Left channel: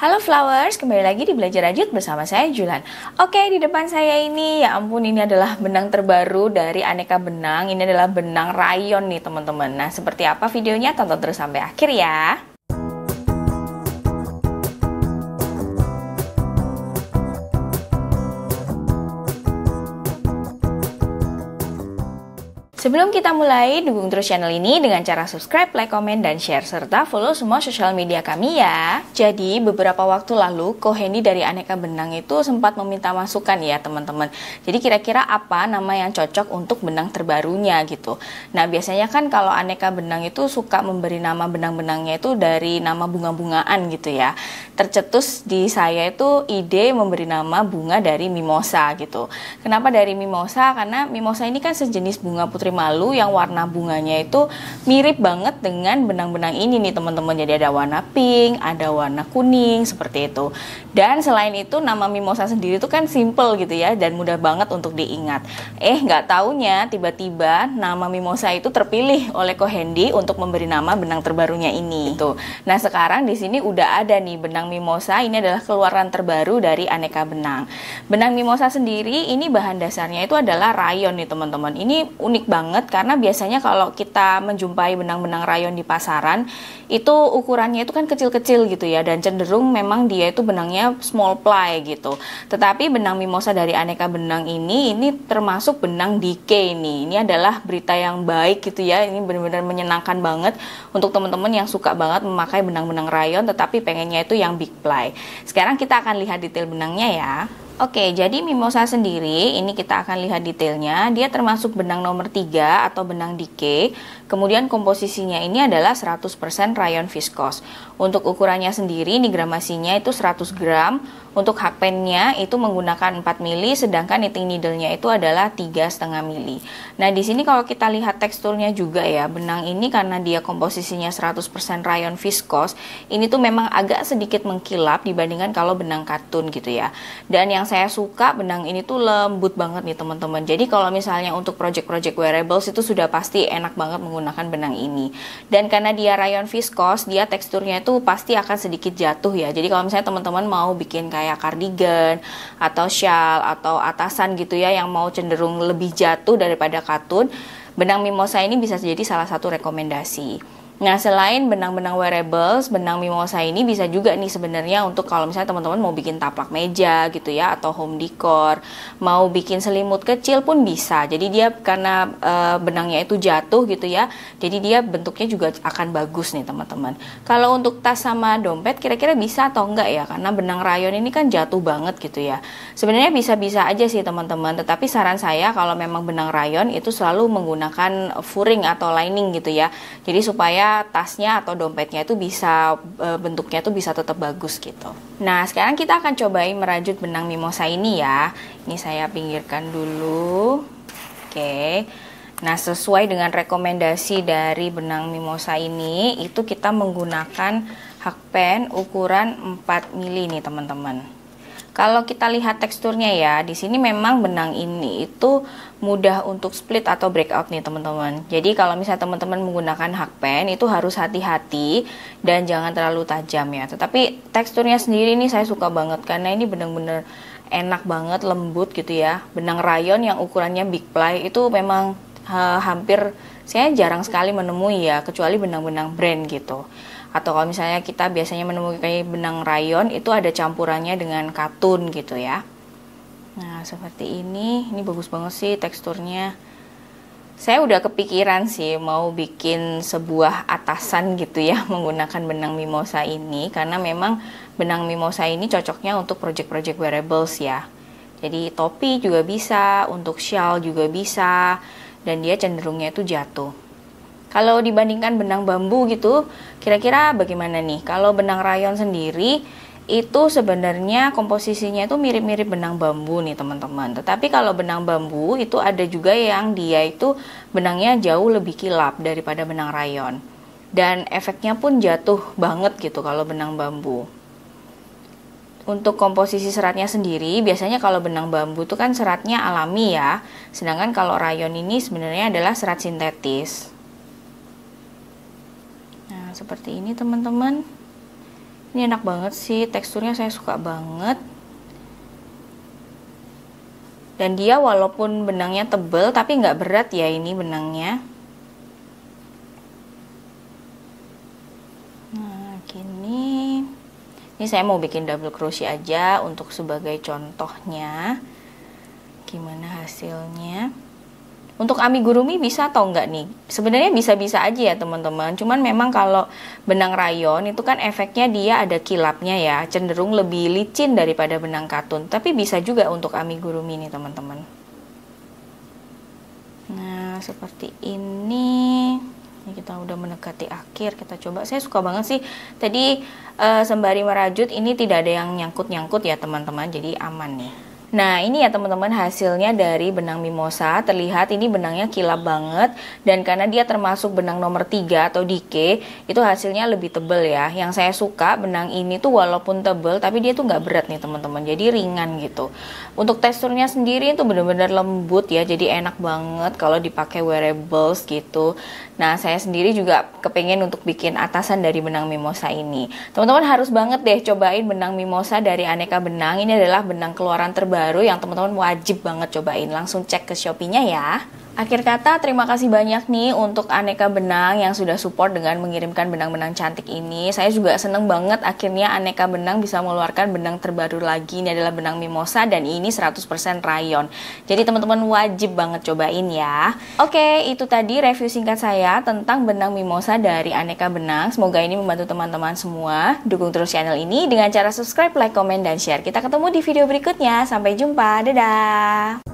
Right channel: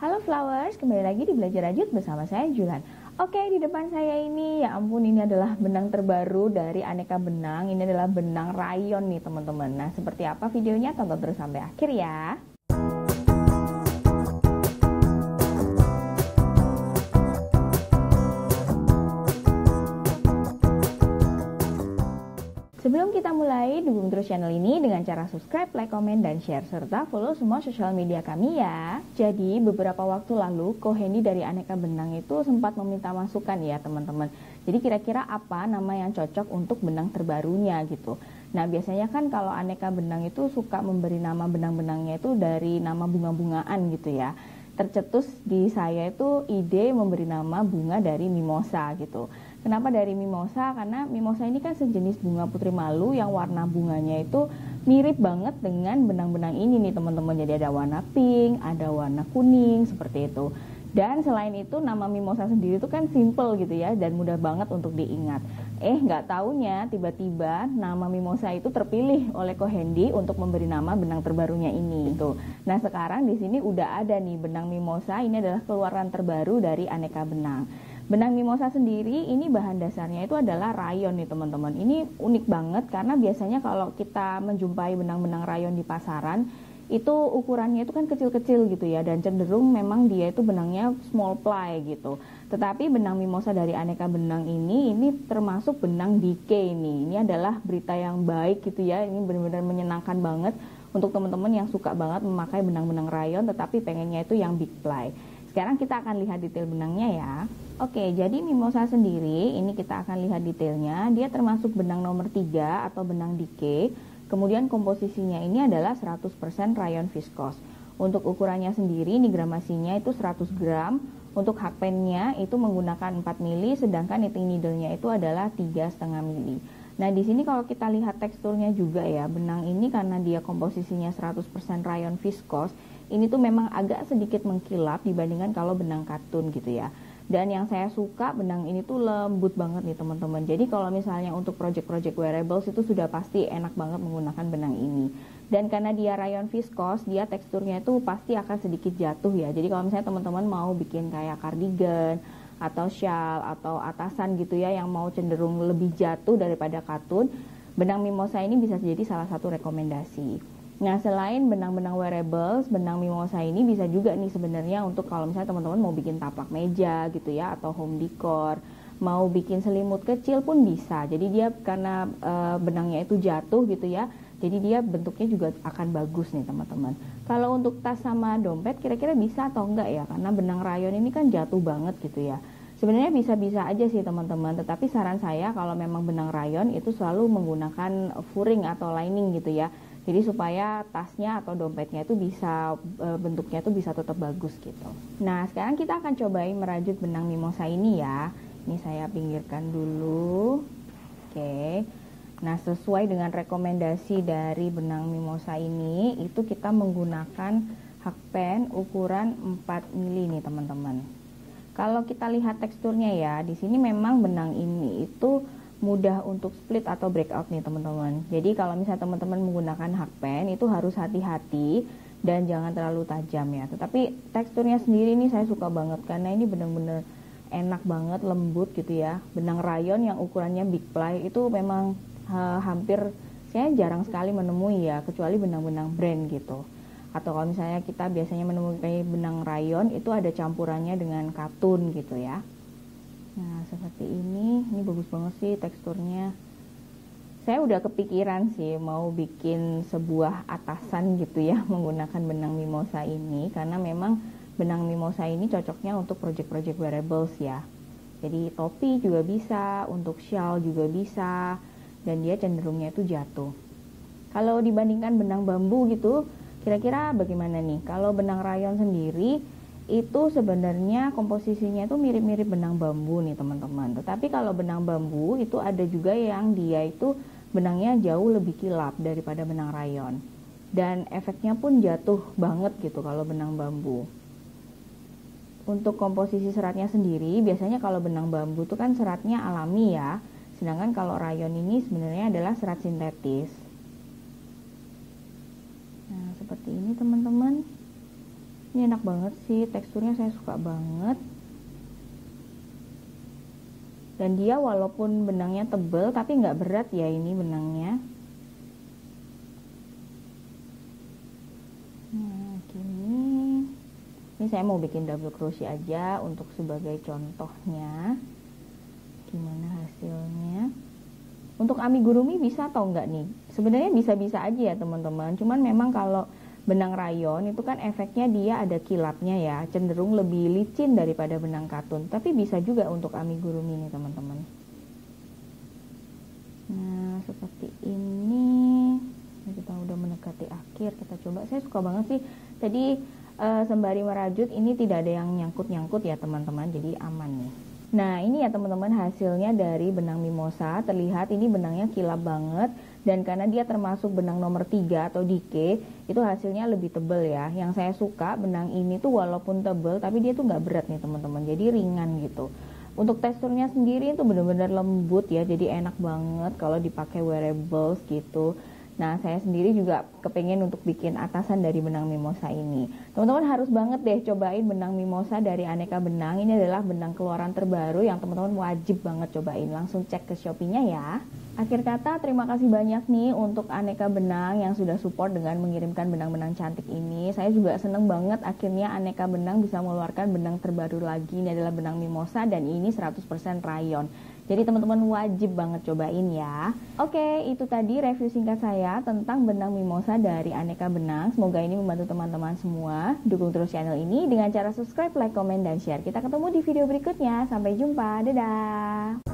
Halo Flowers, kembali lagi di Belajar Rajut bersama saya Julan. Oke, di depan saya ini, ya ampun, ini adalah benang terbaru dari aneka benang. Ini adalah benang rayon nih teman-teman. Nah, seperti apa videonya? Tonton terus sampai akhir ya. Sebelum kita mulai, dukung terus channel ini dengan cara subscribe, like, komen, dan share, serta follow semua sosial media kami ya. Jadi, beberapa waktu lalu, Ko Hendy dari Aneka Benang itu sempat meminta masukan ya teman-teman. Jadi, kira-kira apa nama yang cocok untuk benang terbarunya gitu. Nah, biasanya kan kalau Aneka Benang itu suka memberi nama benang-benangnya itu dari nama bunga-bungaan gitu ya. Tercetus di saya itu ide memberi nama bunga dari mimosa gitu. Kenapa dari mimosa? Karena mimosa ini kan sejenis bunga putri malu yang warna bunganya itu mirip banget dengan benang-benang ini nih teman-teman. Jadi ada warna pink, ada warna kuning seperti itu. Dan selain itu nama mimosa sendiri itu kan simple gitu ya dan mudah banget untuk diingat. Nggak taunya tiba-tiba nama mimosa itu terpilih oleh Ko Hendy untuk memberi nama benang terbarunya ini. Tuh. Nah sekarang di sini udah ada nih benang mimosa. Ini adalah keluaran terbaru dari Aneka Benang. Benang mimosa sendiri ini bahan dasarnya itu adalah rayon nih teman-teman. Ini unik banget karena biasanya kalau kita menjumpai benang-benang rayon di pasaran itu ukurannya itu kan kecil-kecil gitu ya dan cenderung memang dia itu benangnya small ply gitu. Tetapi benang mimosa dari Aneka Benang ini termasuk benang decay nih. Ini adalah berita yang baik gitu ya. Ini benar-benar menyenangkan banget untuk teman-teman yang suka banget memakai benang-benang rayon tetapi pengennya itu yang big ply. Sekarang kita akan lihat detail benangnya ya. Oke, jadi mimosa sendiri, ini kita akan lihat detailnya. Dia termasuk benang nomor 3 atau benang decay. Kemudian komposisinya ini adalah 100% rayon viskos. Untuk ukurannya sendiri, ini gramasinya itu 100 gram. Untuk hakpennya itu menggunakan 4 mili, sedangkan knitting needle-nya itu adalah 3,5 mili. Nah, di sini kalau kita lihat teksturnya juga ya, benang ini karena dia komposisinya 100% rayon viskos, ini tuh memang agak sedikit mengkilap dibandingkan kalau benang katun gitu ya. Dan yang saya suka benang ini tuh lembut banget nih teman-teman. Jadi kalau misalnya untuk project-project wearables itu sudah pasti enak banget menggunakan benang ini. Dan karena dia rayon viskos, dia teksturnya itu pasti akan sedikit jatuh ya. Jadi kalau misalnya teman-teman mau bikin kayak cardigan atau shawl atau atasan gitu ya yang mau cenderung lebih jatuh daripada katun, benang mimosa ini bisa jadi salah satu rekomendasi. Nah, selain benang-benang wearables, benang mimosa ini bisa juga nih sebenarnya untuk kalau misalnya teman-teman mau bikin taplak meja gitu ya atau home decor, mau bikin selimut kecil pun bisa. Jadi dia karena benangnya itu jatuh gitu ya, jadi dia bentuknya juga akan bagus nih teman-teman. Kalau untuk tas sama dompet kira-kira bisa atau enggak ya? Karena benang rayon ini kan jatuh banget gitu ya. Sebenarnya bisa-bisa aja sih teman-teman, tetapi saran saya kalau memang benang rayon itu selalu menggunakan furing atau lining gitu ya. Jadi supaya tasnya atau dompetnya itu bisa bentuknya itu bisa tetap bagus gitu. Nah, sekarang kita akan cobain merajut benang mimosa ini ya. Ini saya pinggirkan dulu. Oke. Nah, sesuai dengan rekomendasi dari benang mimosa ini, itu kita menggunakan hakpen ukuran 4 mili nih teman-teman. Kalau kita lihat teksturnya ya, di sini memang benang ini itu mudah untuk split atau breakout nih teman-teman. Jadi kalau misalnya teman-teman menggunakan hakpen itu harus hati-hati dan jangan terlalu tajam ya. Tetapi teksturnya sendiri ini saya suka banget karena ini benar-benar enak banget, lembut gitu ya. Benang rayon yang ukurannya big ply itu memang hampir saya jarang sekali menemui ya, kecuali benang-benang brand gitu. Atau kalau misalnya kita biasanya menemui benang rayon itu ada campurannya dengan katun gitu ya. Nah seperti ini bagus banget sih teksturnya. Saya udah kepikiran sih mau bikin sebuah atasan gitu ya menggunakan benang mimosa ini. Karena memang benang mimosa ini cocoknya untuk project-project wearables ya. Jadi topi juga bisa, untuk shawl juga bisa. Dan dia cenderungnya itu jatuh. Kalau dibandingkan benang bambu gitu, kira-kira bagaimana nih? Kalau benang rayon sendiri, itu sebenarnya komposisinya itu mirip-mirip benang bambu nih teman-teman. Tetapi kalau benang bambu itu ada juga yang dia itu benangnya jauh lebih kilap daripada benang rayon. Dan efeknya pun jatuh banget gitu kalau benang bambu. Untuk komposisi seratnya sendiri, biasanya kalau benang bambu itu kan seratnya alami ya. Sedangkan kalau rayon ini sebenarnya adalah serat sintetis. Nah, seperti ini teman-teman. Ini enak banget sih, teksturnya saya suka banget. Dan dia walaupun benangnya tebel tapi nggak berat ya ini benangnya. Nah gini. Ini saya mau bikin double crochet aja untuk sebagai contohnya. Gimana hasilnya? Untuk amigurumi bisa atau enggak nih? Sebenarnya bisa-bisa aja ya teman-teman. Cuman memang kalau benang rayon itu kan efeknya dia ada kilapnya ya. Cenderung lebih licin daripada benang katun. Tapi bisa juga untuk amigurumi nih teman-teman. Nah seperti ini. Ini kita udah mendekati akhir. Kita coba. Saya suka banget sih. Tadi sembari merajut ini tidak ada yang nyangkut-nyangkut ya teman-teman. Jadi aman nih. Nah ini ya teman-teman hasilnya dari benang mimosa. Terlihat ini benangnya kilap banget. Dan karena dia termasuk benang nomor 3 atau dike, itu hasilnya lebih tebel ya. Yang saya suka benang ini tuh walaupun tebel tapi dia tuh nggak berat nih teman-teman. Jadi ringan gitu. Untuk teksturnya sendiri itu benar-benar lembut ya. Jadi enak banget kalau dipakai wearables gitu. Nah saya sendiri juga kepengen untuk bikin atasan dari benang mimosa ini. Teman-teman harus banget deh cobain benang mimosa dari Aneka Benang. Ini adalah benang keluaran terbaru yang teman-teman wajib banget cobain. Langsung cek ke Shopee-nya ya. Akhir kata, terima kasih banyak nih untuk Aneka Benang yang sudah support dengan mengirimkan benang-benang cantik ini. Saya juga seneng banget akhirnya Aneka Benang bisa mengeluarkan benang terbaru lagi. Ini adalah benang mimosa dan ini 100% rayon. Jadi teman-teman wajib banget cobain ya. Oke, itu tadi review singkat saya tentang benang mimosa dari Aneka Benang. Semoga ini membantu teman-teman semua. Dukung terus channel ini dengan cara subscribe, like, komen, dan share. Kita ketemu di video berikutnya. Sampai jumpa. Dadah!